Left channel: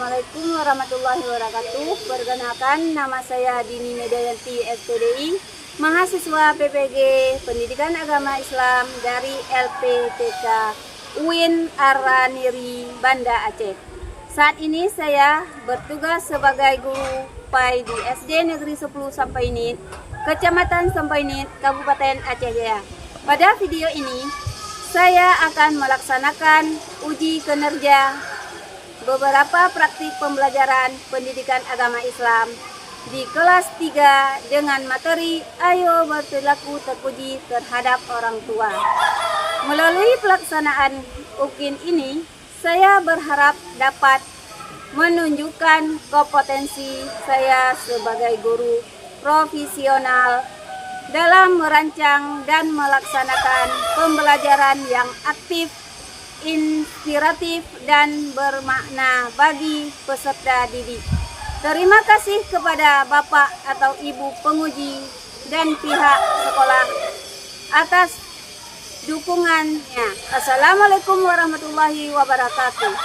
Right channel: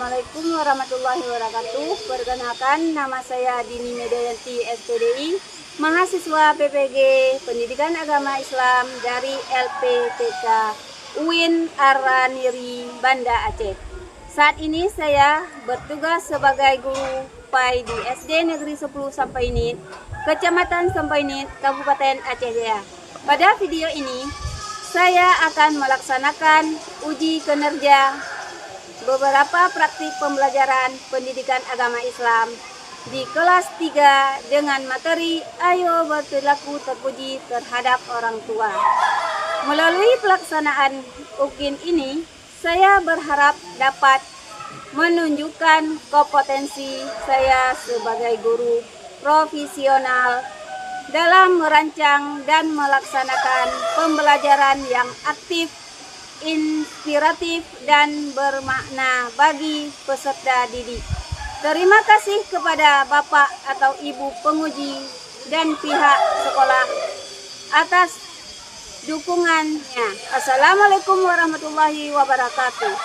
Assalamualaikum warahmatullahi wabarakatuh. Perkenalkan, nama saya Dini Medayanti SPDI, mahasiswa PPG Pendidikan Agama Islam dari LPTK UIN Araniri, Banda Aceh. Saat ini saya bertugas sebagai guru PAI di SD Negeri 10 Sampainit, Kecamatan Sampainit, Kabupaten Aceh Jaya. Pada video ini, saya akan melaksanakan uji kinerja beberapa praktik pembelajaran pendidikan agama Islam di kelas 3 dengan materi Ayo Berperilaku Terpuji Terhadap Orang Tua. Melalui pelaksanaan UKIN ini, saya berharap dapat menunjukkan kompetensi saya sebagai guru profesional dalam merancang dan melaksanakan pembelajaran yang aktif, inspiratif, dan bermakna bagi peserta didik. Terima kasih kepada Bapak atau Ibu penguji dan pihak sekolah atas dukungannya. Assalamualaikum warahmatullahi wabarakatuh.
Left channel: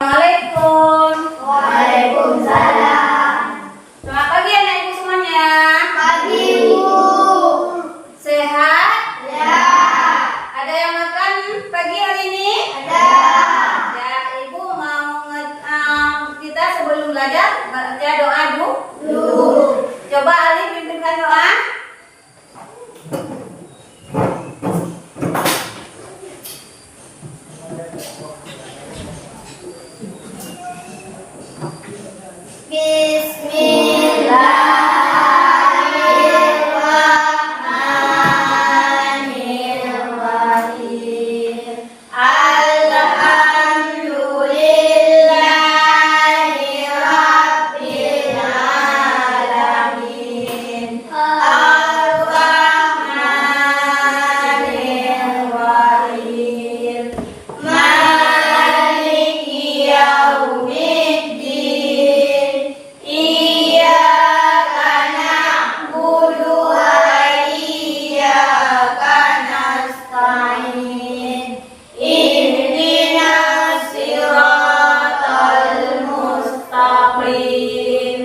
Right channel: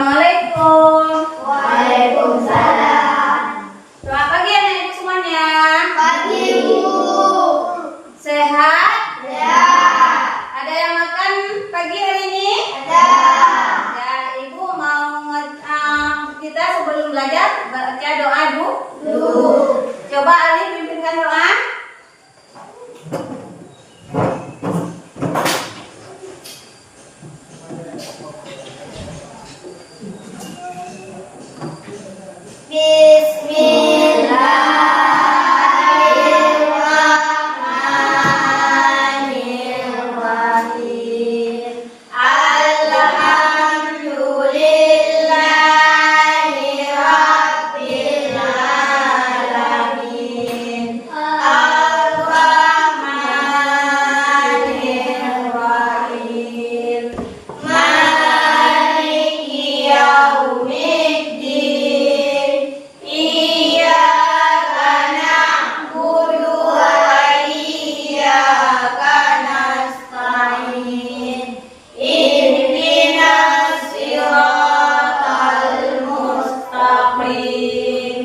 Assalamualaikum. Waalaikumsalam. Selamat pagi anak ibu semuanya. Pagi, Bu. Sehat? Ya. Ada yang makan pagi hari ini? Ada. Ya, ibu mau kita sebelum belajar baca doa dulu. Coba Ali pimpinkan doa. Bismillahirrahmanirrahim. Alhamdulillahi rabbil alamin. Ar-Rahmanirrahim. Maliki yaumiddin. Iyyaka na'budu wa iyyaka nasta'in. Ihdinas siratal mustaqim.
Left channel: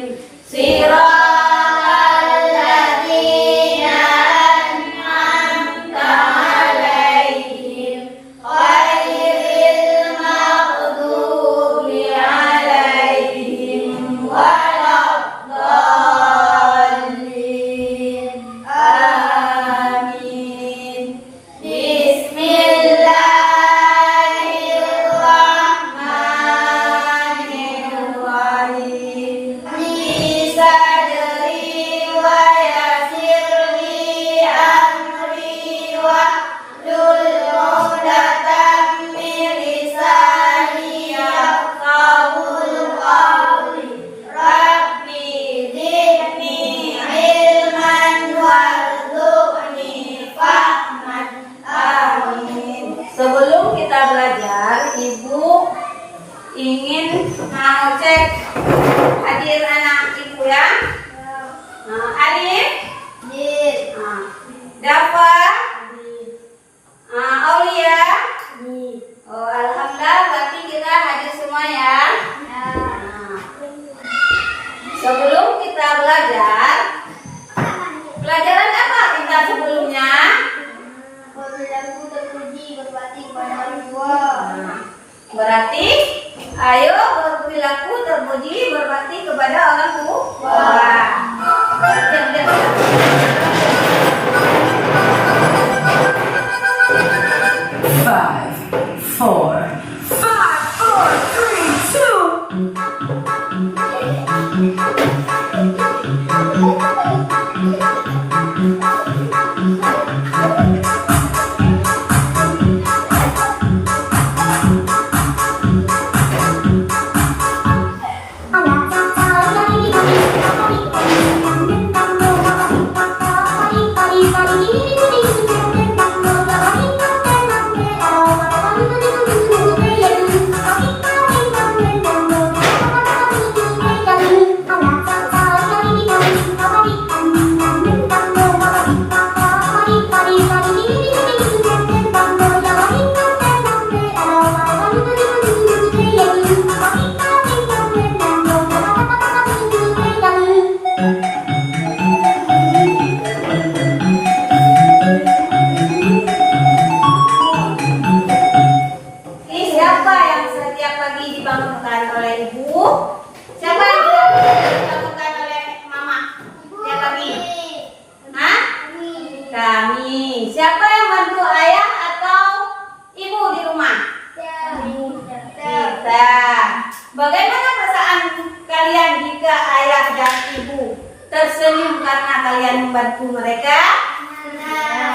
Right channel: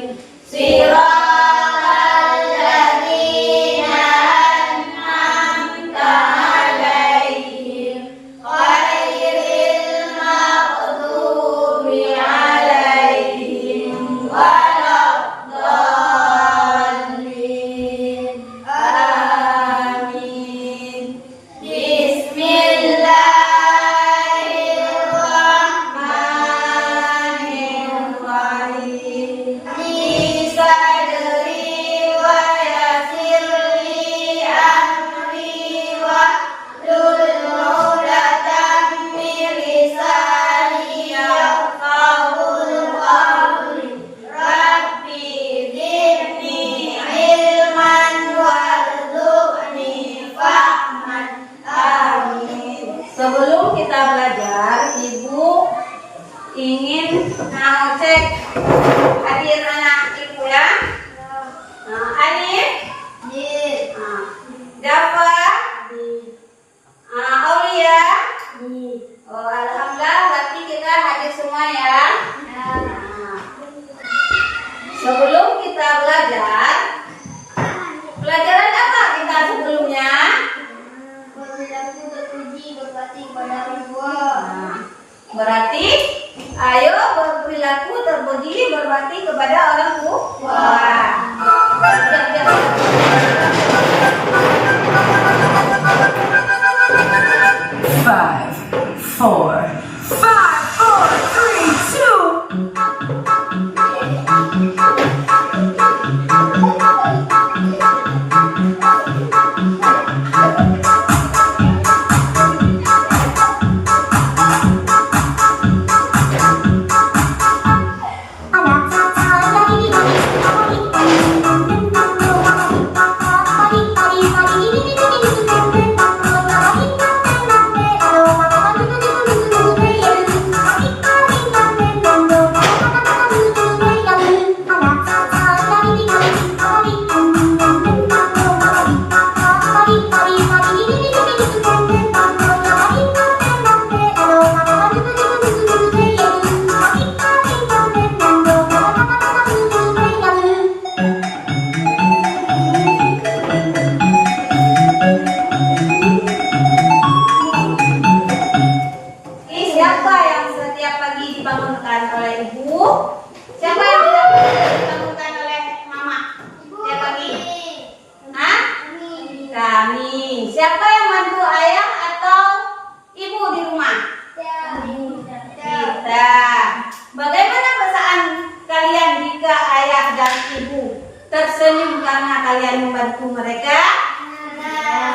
Siratal ladzina an'amta 'alaihim ghairil maghdubi 'alaihim waladdallin. Amin. Bismillahirrahmanirrahim. Bisadri wa yassirli amri wahlul 'uqdatam min lisani yafqahul qawli. Rabbi zidni ilman warzuqni fahman. Amin. Sebelum kita belajar, ibu ingin ngecek hadir anak ibu ya. Alif, Dafa, Aulia. Oh, alhamdulillah, berarti kita hadir semua ya. Sebelum kita belajar, pelajaran apa kita sebelumnya? Berperilaku terpuji berbakti kepada orang tua. Berarti ayo berperilaku terpuji berbakti kepada orang tua. Diam, diam, diam. 5, 4, 4, 3, 2, 1. kalian jika ayah dan ibu tersenyum karena kalian membantu mereka?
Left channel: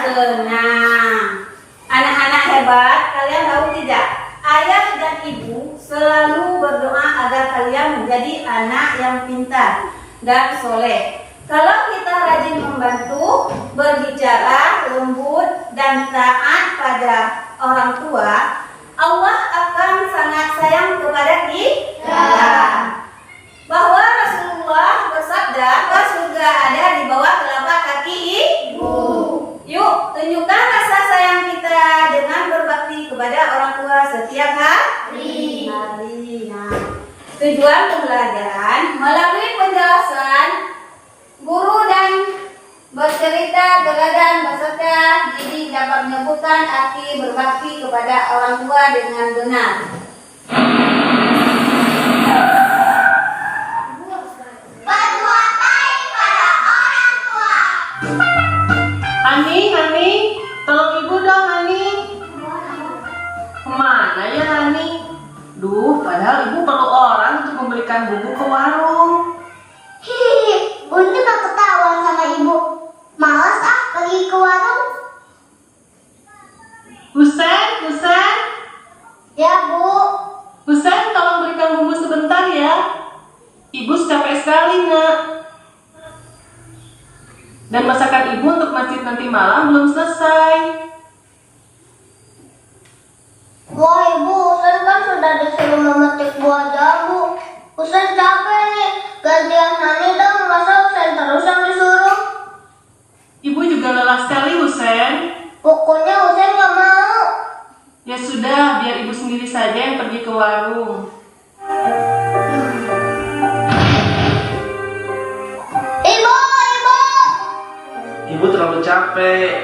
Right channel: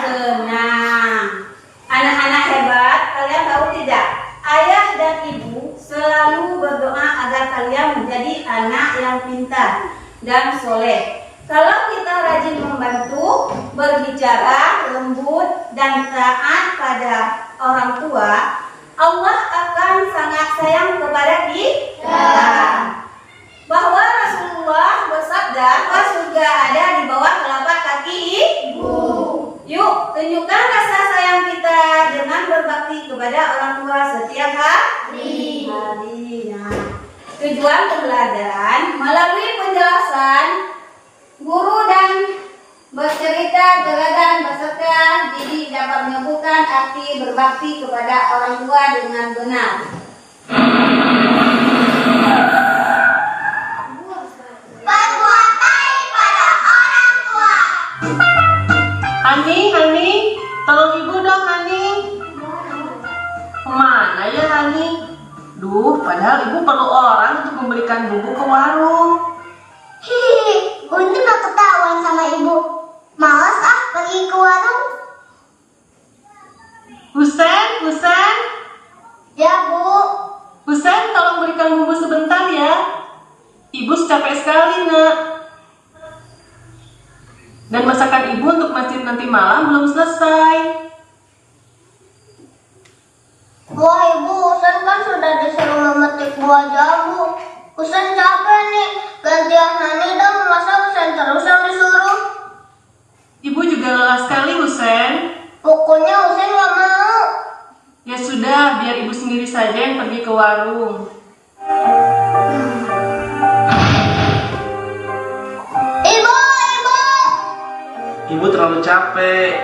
Senang. Anak-anak hebat, kalian tahu tidak? Ayah dan ibu selalu berdoa agar kalian menjadi anak yang pintar dan soleh. Kalau kita rajin membantu, berbicara lembut dan taat pada orang tua, Allah akan sangat sayang kepada kita. Bahwa Rasulullah bersabda, surga ada di bawah telapak kaki ibu. Yuk, tunjukkan rasa sayang kita dengan berbakti kepada orang tua setiap hari. Nah, tujuan pembelajaran melalui penjelasan guru dan bercerita teladan beserta didik dapat menyebutkan arti berbakti kepada orang tua dengan benar. Berbuat baik pada orang tua. Hani, tolong ibu dong Hani. Kemana ya Hani? Duh, padahal ibu perlu orang untuk membelikan bubuk ke warung. Hihi, Bunti gak ketahuan sama ibu. Malas pergi ke warung. Husen, Ya bu. Husen, tolong berikan bubuk sebentar ya. Ibu capek sekali nak. Dan masakan ibu untuk masjid nanti malam belum selesai. Wah ibu, Usen kan sudah disuruh memetik buah jambu. Usen capek nih. Gantian Hani dong, masa Usen terus yang disuruh? Ibu juga lelah sekali Husen. Pokoknya Usen gak mau. Ya sudah, biar ibu sendiri saja yang pergi ke warung. Ibu. Ibu terlalu capek.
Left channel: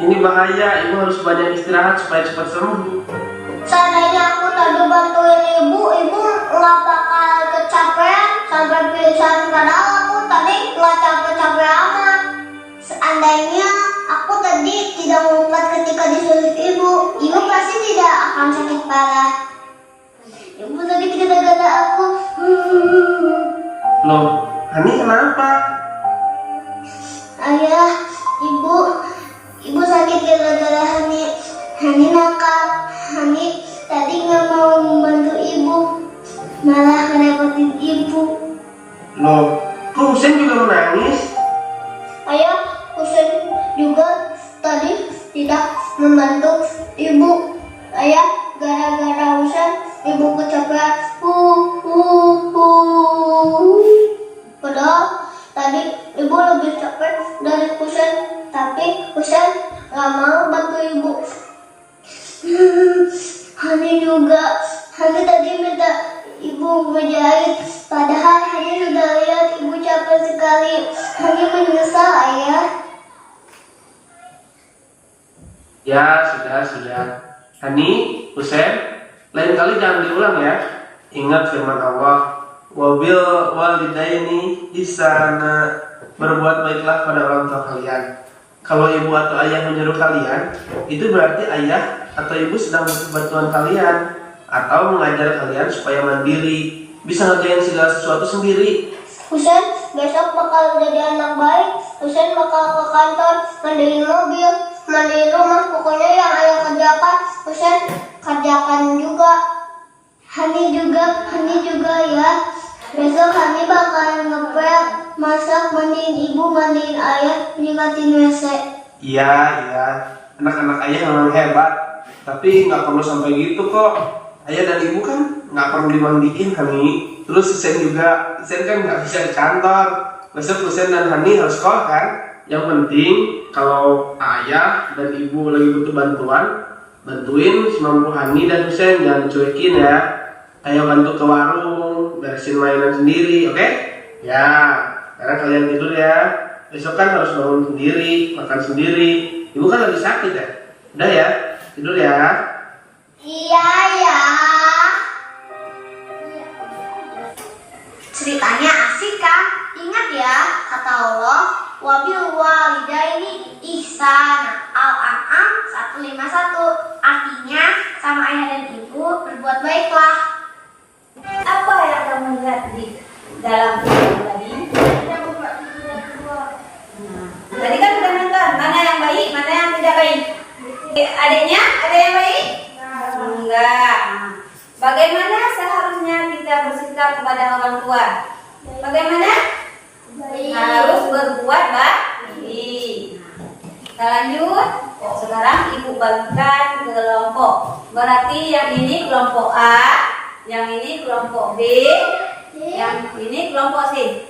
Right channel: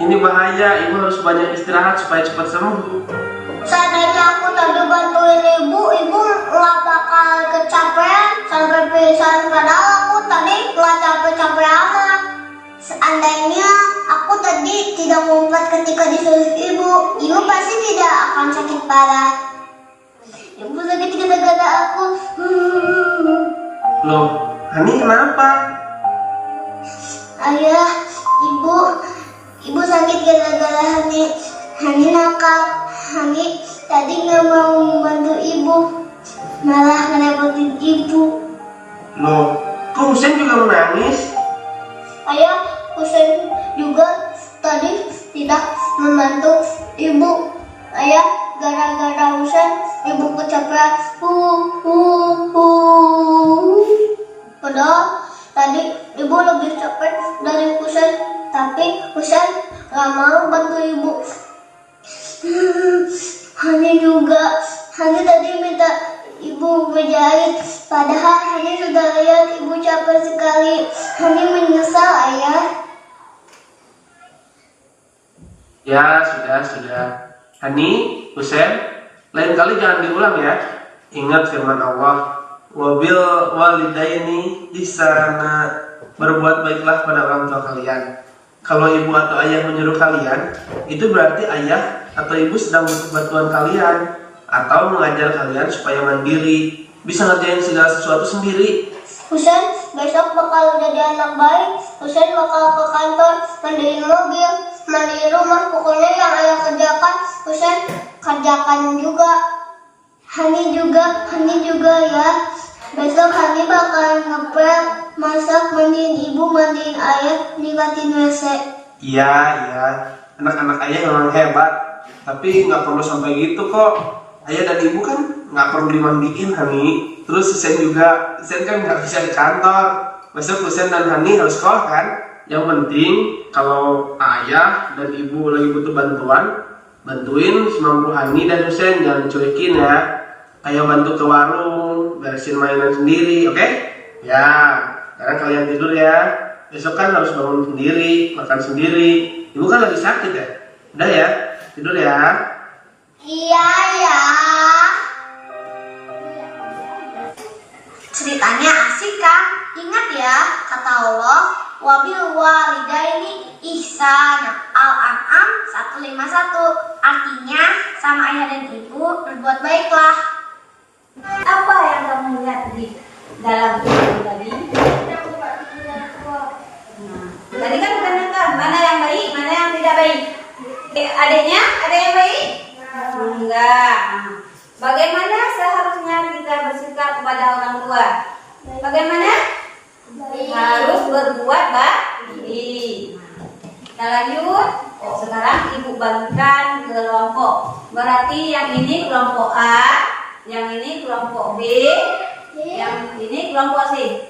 Ini bahaya, ibu harus banyak istirahat supaya cepat sembuh. Seandainya aku tadi bantuin ibu gak bakal kecapean sampai pingsan. Padahal aku tadi gak capek-capek amat. Seandainya aku tadi tidak ngumpet ketika disuruh ibu pasti tidak akan sakit parah. Ibu sakit gara-gara aku. Loh, Hani kenapa? Ayah, ibu sakit gara-gara Hani nakal. Hani tadi nggak mau membantu ibu, malah ngerepotin ibu. Loh, kok Husen juga menangis? Ayah, Husen juga tadi tidak membantu ibu. Ayah, gara-gara Husen ibu kecapean. Padahal tadi ibu lebih capek dari Husen, tapi Husen nggak mau bantu ibu. Hani tadi minta ibu menjahit, padahal Hani sudah lihat ibu capek sekali. Hani menyesal ayah. Ya, sudah. Hani, Husen, lain kali jangan diulang ya. Ingat firman Allah, wabil walidaini ihsana, berbuat baiklah pada orang tua kalian. Kalau ibu atau ayah menyuruh kalian, itu berarti ayah atau ibu sedang butuh bantuan kalian atau mengajar kalian supaya mandiri, bisa ngerjain segala sesuatu sendiri. Husen besok bakal jadi anak baik. Husen bakal ke kantor, mandiin mobil, mandiin rumah, pokoknya yang ayah kerjakan Husen kerjakan juga. Hani juga ya. Besok Hani bakal ngepel, masak, mandiin ibu, mandiin ayah, nyikatin WC. Iya, anak-anak ayah memang hebat, tapi nggak perlu sampai gitu kok. Ayah dan ibu kan nggak perlu dimandiin Hani. Terus Husen kan nggak bisa di kantor. Besok Husen dan Hani harus sekolah kan. Yang penting kalau ayah dan ibu lagi butuh bantuin semampu Hani dan Husen, jangan cuekin ya. Kayak bantu ke warung, beresin mainan sendiri, oke? Ya, karena kalian tidur ya. Besok kan harus bangun sendiri, makan sendiri. Ibu kan lagi sakit ya. Udah ya, tidur ya. Iya ya. Ceritanya asik kan? Ingat ya, kata Allah, wabil walidaini ihsana. Al-An'am 151. Artinya, sama ayah dan ibu berbuat baiklah. Apa yang kamu lihat di dalam video tadi? Nah, tadi kan udah nonton mana yang baik, mana yang tidak baik. Adiknya ada yang baik? Enggak. Bagaimana seharusnya kita bersikap kepada orang tua? Bagaimana? Harus berbuat baik. Kita lanjut. Sekarang ibu bagikan kelompok. Berarti yang ini kelompok A, yang ini kelompok B, yang ini kelompok C.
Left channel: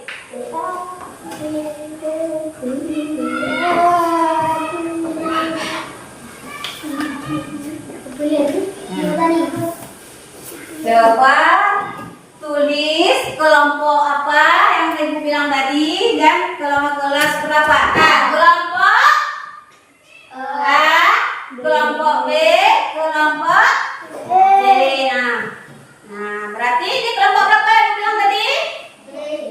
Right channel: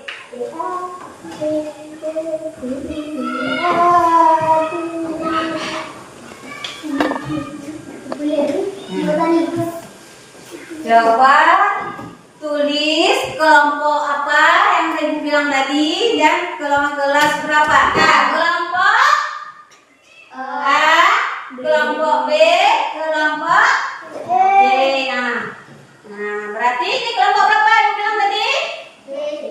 Coba tulis kelompok apa yang ibu bilang tadi dan kelas berapa. Nah, kelompok A, kelompok B, kelompok C. Nah, berarti ini kelompok berapa ibu bilang tadi?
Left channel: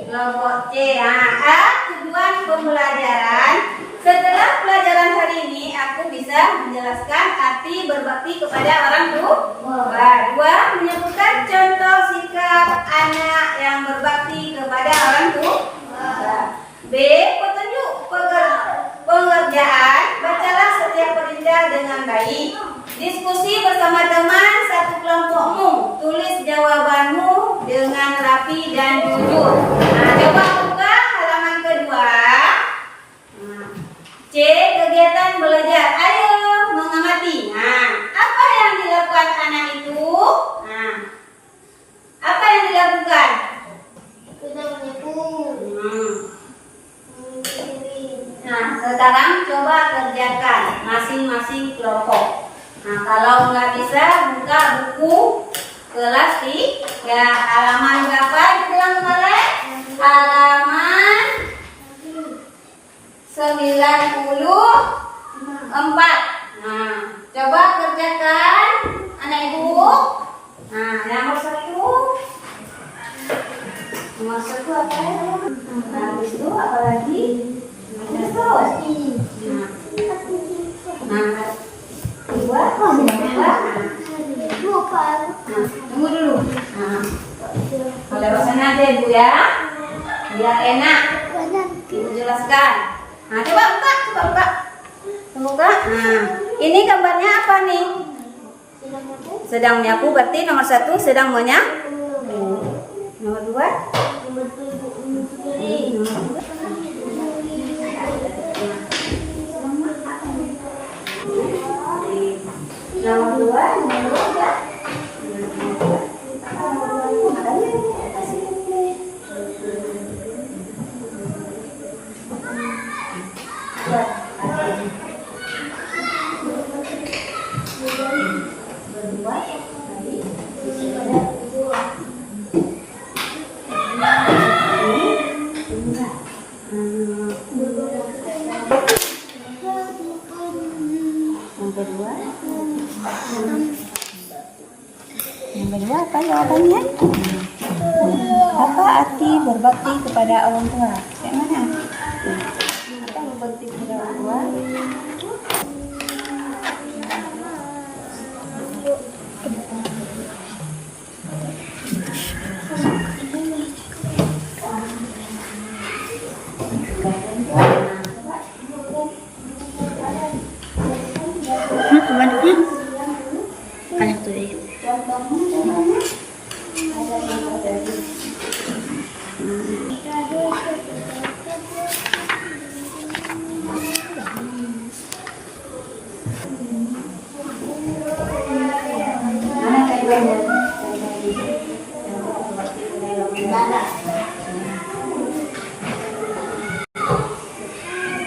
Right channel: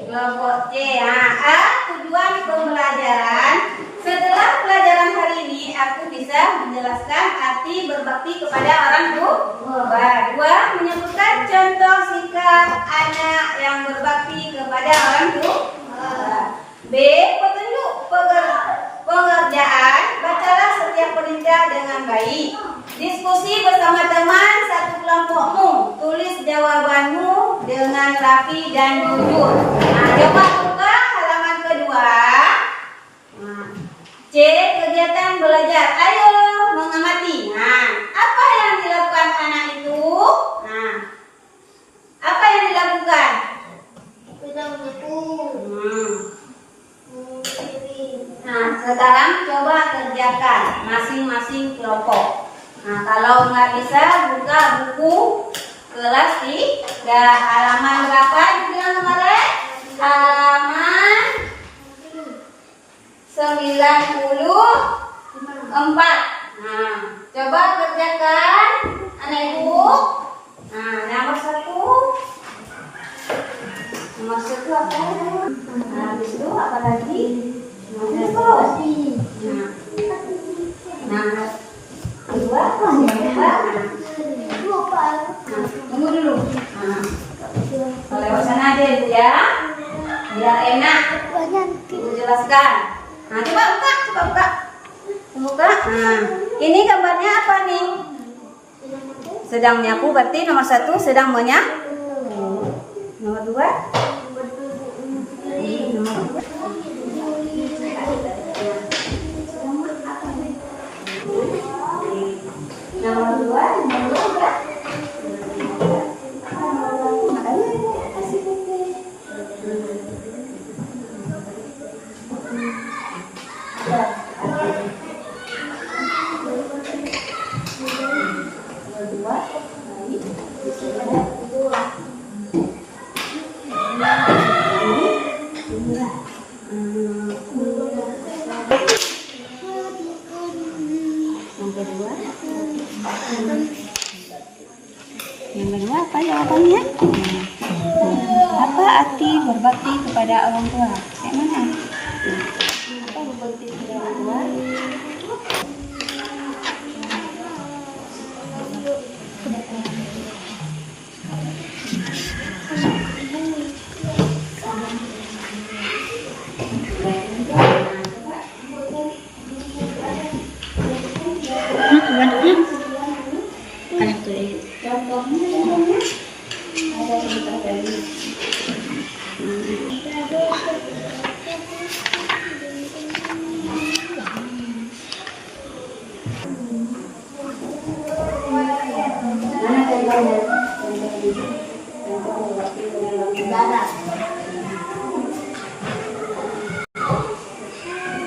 Kelompok C. A, tujuan pembelajaran. Setelah pelajaran hari ini, aku bisa menjelaskan arti berbakti kepada orang tua. Dua, menyebutkan contoh sikap anak yang berbakti kepada orang tua. B, petunjuk pengerjaan. Bacalah setiap perintah dengan baik. Diskusi bersama teman satu kelompokmu. Tulis jawabanmu dengan rapi dan jujur. Nah, coba buka halaman kedua. C, kegiatan belajar. Ayo mengamati. Nah, apa yang dilakukan anak itu? Nah, apa yang dilakukan? Kita menyapu. Nah, sekarang coba kerjakan masing-masing kelompok. Nah, kalau nggak bisa, buka buku kelas 3. Halaman berapa itu bilang kemarin? Halaman 94. Nah, coba kerjakan anak ibu. Nah, nomor 1. Nomor 1 apa? Nah, habis itu apa lagi? Nah, kedua, tunggu dulu. Nah, kalau sana aja ibu ya, biar enak. Ibu jelaskan. Nah, coba buka. Buka. Nah, ini gambarnya apa nih? Sedang menyapu, berarti nomor 1 sedang menyapu. Nomor 2? Nomor 2. Yang kedua apa jawabannya? Apa arti berbakti kepada orang tua? Yang mana? Apa berbakti kepada orang tua? Anak tuh ya. Ada yang terjadi. Mana contohnya?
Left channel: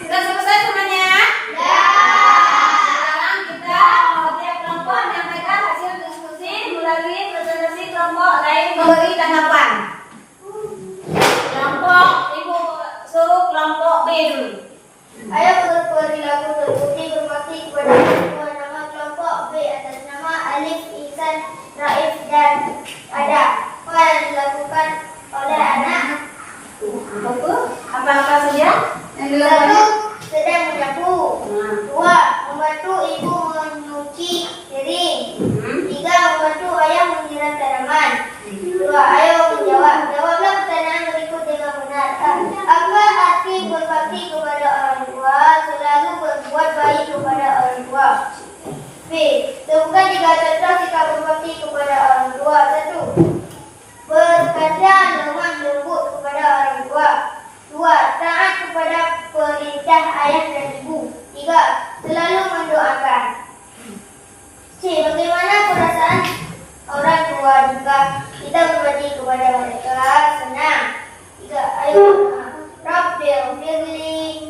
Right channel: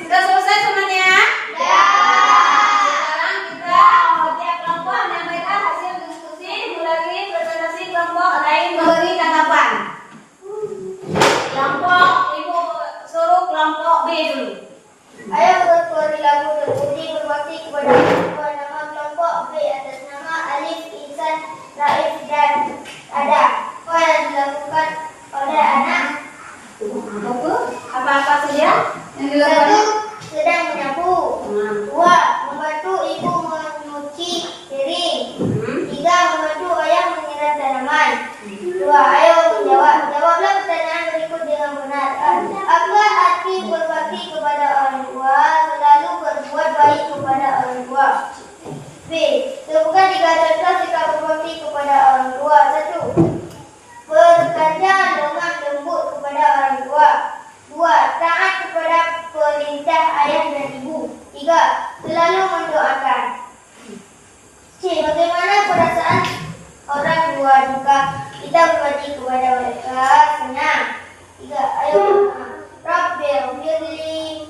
Sudah selesai semuanya? Sekarang kita mengajak kelompok dan mereka hasil diskusi melalui presentasi kelompok lain memberi tanggapan. Kelompok ibu suruh kelompok B dulu. Ayo berperilaku terbukti berbakti kepada orang tua. Nama kelompok B atas nama Alif, Ihsan, Raif, dan Ada. Apa yang dilakukan oleh anak? Apa-apa saja yang Satu, dilakukan? sedang menyapu. Dua, membantu ibu menyuci piring. Tiga, membantu ayah menyiram tanaman. Dua, ayo menjawab. Jawablah pertanyaan berikut B. Sebutkan 3 contoh sikap berbakti kepada orang tua. 1. Berkata lemah lembut kepada orang tua. 2. Taat kepada perintah ayah dan ibu. 3. Selalu mendoakan. C. Bagaimana perasaan orang tua jika kita berbakti kepada mereka? Senang. 3. Ayo Rabbil firli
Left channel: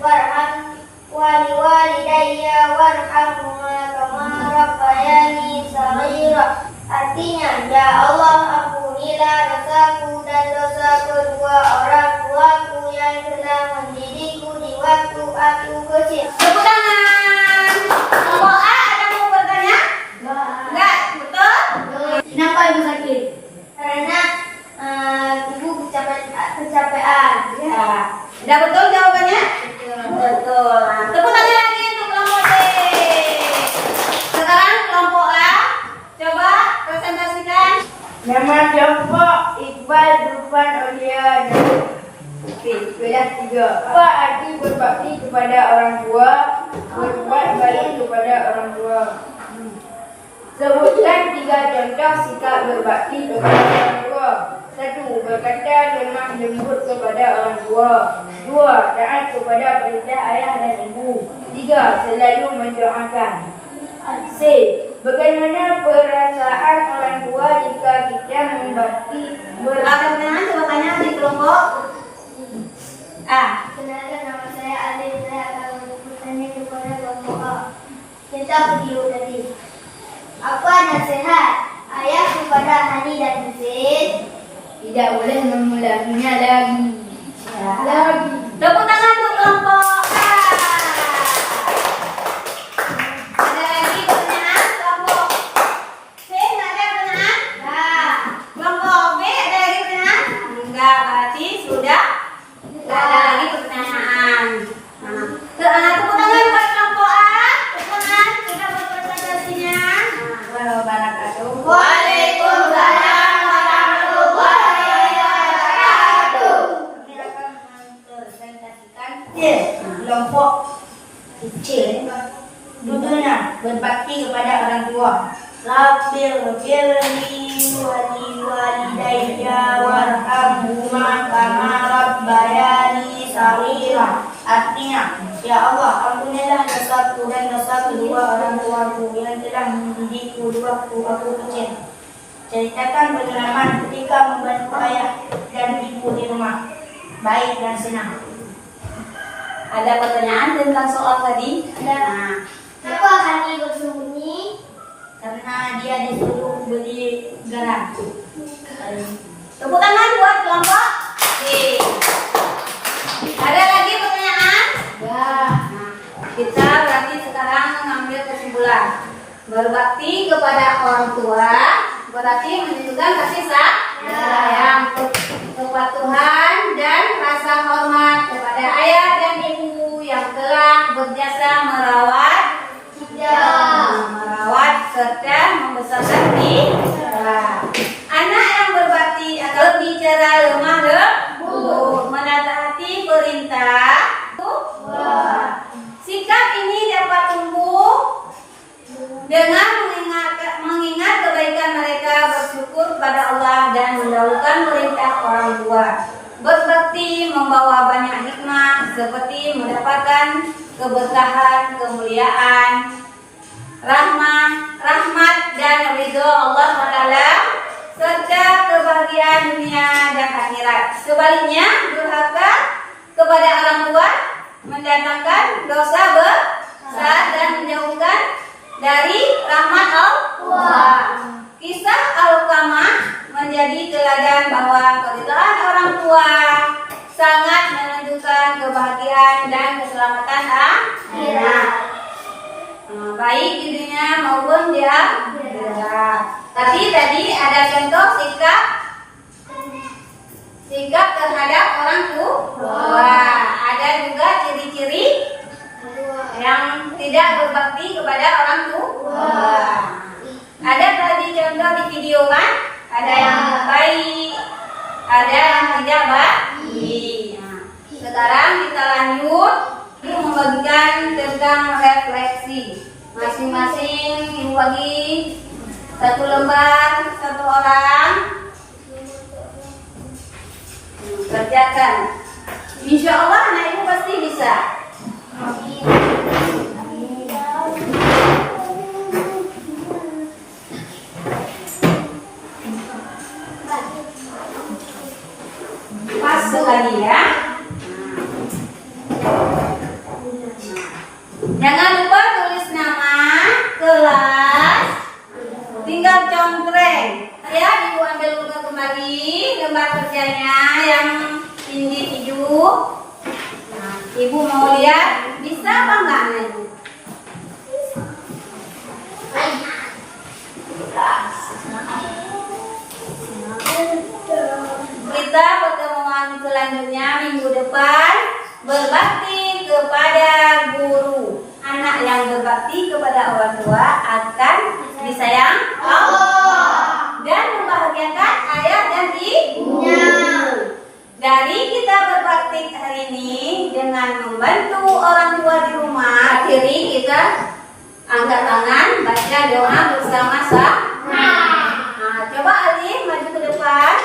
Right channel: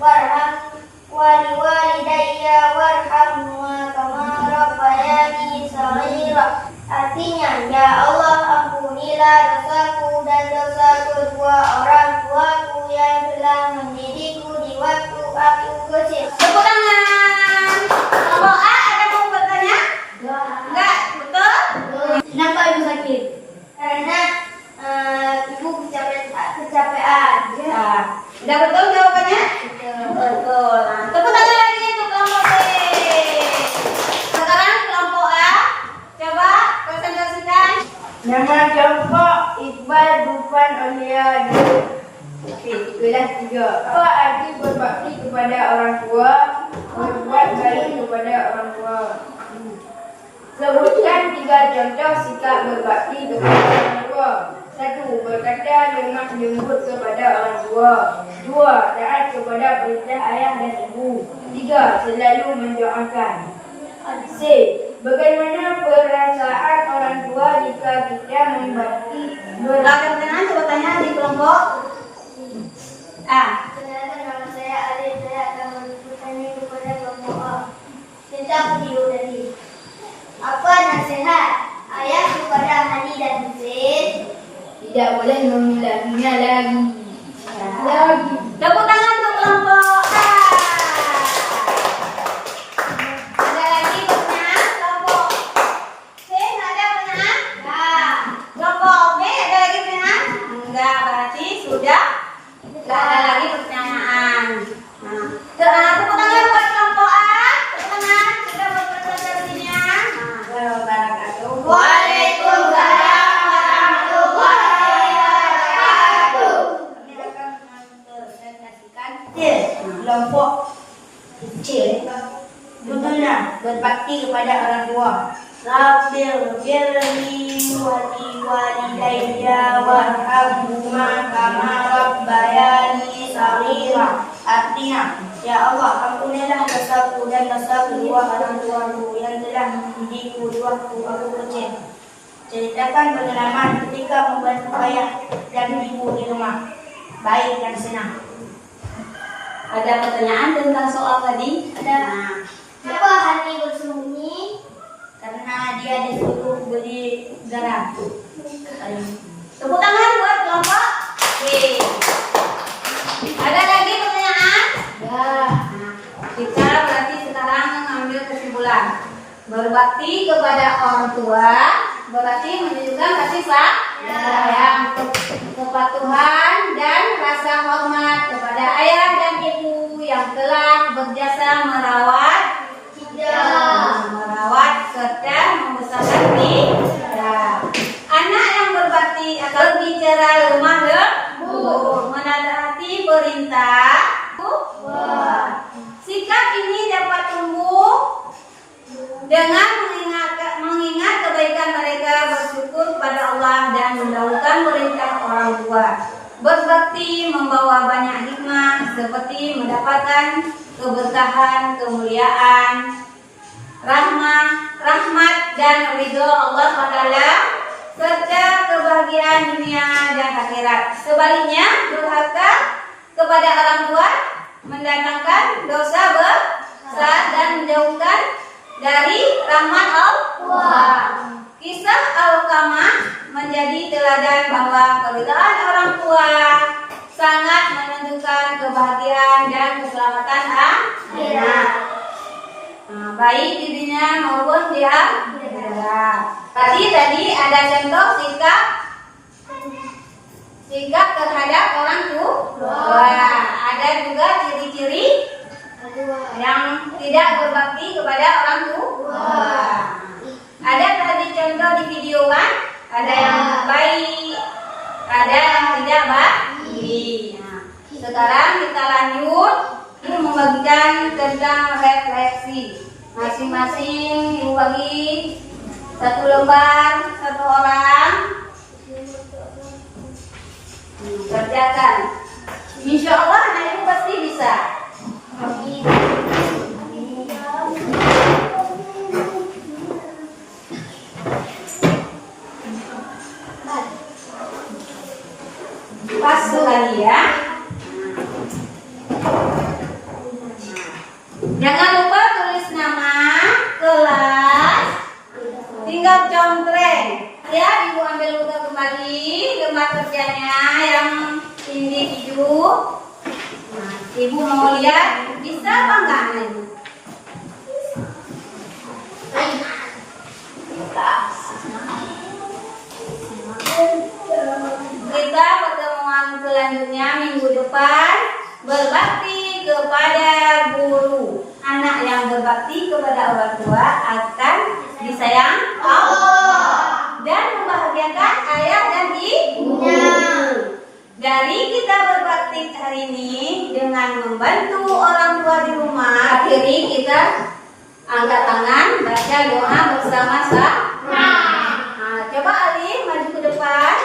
warham waliwalidayya warhamhuma kama rabbayani shaghira. Artinya, ya Allah, ampunilah dosaku dan dosa kedua orang tuaku yang telah mendidikku di waktu aku kecil. Tepuk tangan. Kelompok A ada mau bertanya? Enggak, betul? Kenapa ibu sakit? Karena ibu kecapean. Ya. Udah betul jawabannya? Betul. Nah, tepuk tangan lagi untuk kelompok B. Sekarang kelompok A, coba presentasikan. Nama kelompok Iqbal, Dufan, Aulia, dan kelas 3. Apa arti berbakti kepada orang tua? Berbuat baik kepada orang tua. Sebutkan 3 contoh sikap berbakti kepada orang tua. 1. Berkata lemah lembut kepada orang tua. 2. Taat kepada perintah ayah dan ibu. 3. Selalu mendoakan. C. Bagaimana perasaan orang tua jika kita membakti Pertanyaan coba tanya di kelompok A. Kenalkan, nama saya Alif. Saya akan bertanya kepada kelompok A tentang video tadi. Apa nasihat ayah kepada Hani dan Husin? tidak boleh mengulanginya lagi. Lagi. Tepuk tangan untuk kelompok A. Ada lagi pertanyaan? Kelompok C nggak ada pertanyaan? Enggak. Kelompok B ada lagi pertanyaan? Enggak, berarti sudah tidak ada lagi pertanyaan. Nah, tepuk tangan buat kelompok A. Tepuk tangan sudah berpresentasinya. Wabarakatuh. Waalaikumsalam warahmatullahi wabarakatuh. Kami akan mempresentasikan kelompok kecil. Contohnya berbakti kepada orang tua. Rabbil firli waliwalidayya warhamhuma kama rabbayani shaghira. Artinya, ya Allah, ampunilah dosaku dan dosa kedua orang tuaku yang telah mendidikku di waktu aku kecil. Ceritakan pengalaman ketika membantu ayah dan ibu di rumah. Baik dan senang. Ada pertanyaan tentang soal tadi? Ada. Nah, Kenapa Hani bersembunyi? karena dia disuruh beli garam. Tepuk tangan buat kelompok B. Ada lagi pertanyaan? Ya. Nah, kita berarti sekarang mengambil kesimpulan. Berbakti kepada orang tua berarti menunjukkan kasih sayang, kepatuhan dan rasa hormat kepada ayah dan ibu yang telah berjasa merawat serta membesarkan kita. Anak yang berbakti akan berbicara lemah lembut, menaati perintah. Sikap ini dapat tumbuh dengan mengingat kebaikan mereka, bersyukur kepada Allah dan mendahulukan perintah orang tua. Berbakti membawa banyak hikmah seperti mendapatkan keberkahan, kemuliaan, rahmat dan ridho Allah SWT serta kebahagiaan dunia dan akhirat. Sebaliknya, durhaka kepada orang tua mendatangkan dosa besar dan menjauhkan dari rahmat Allah. Kisah Alqamah menjadi teladan bahwa keridhaan orang tua sangat menentukan kebahagiaan dan keselamatan akhirat. Baik di dunia maupun di akhirat. Tadi ada contoh sikap terhadap orang tua. Ada juga ciri-ciri yang tidak berbakti kepada orang tua. Ada tadi contoh di video kan? Ada yang baik, ada yang tidak baik. Nah, sekarang kita lanjut membagikan tentang refleksi. Masing-masing ibu bagi 1 lembar 1 orang. Kerjakan. Insya Allah anak ibu pasti bisa. Pas lagi ya. Jangan lupa tulis nama, kelas, tinggal contreng. Ya, ibu ambil dulu kembali lembar kerjanya yang tinggi hijau. Nah, ibu mau lihat bisa apa enggak anak ibu? Kita pertemuan selanjutnya minggu depan berbakti kepada guru. Anak yang berbakti kepada orang tua akan disayang Allah dan membahagiakan ayah dan ibunya. Dari kita berbakti hari ini dengan membantu orang tua di rumah, akhiri kita angkat tangan baca doa bersama-sama. Nah, coba Ali maju ke depan.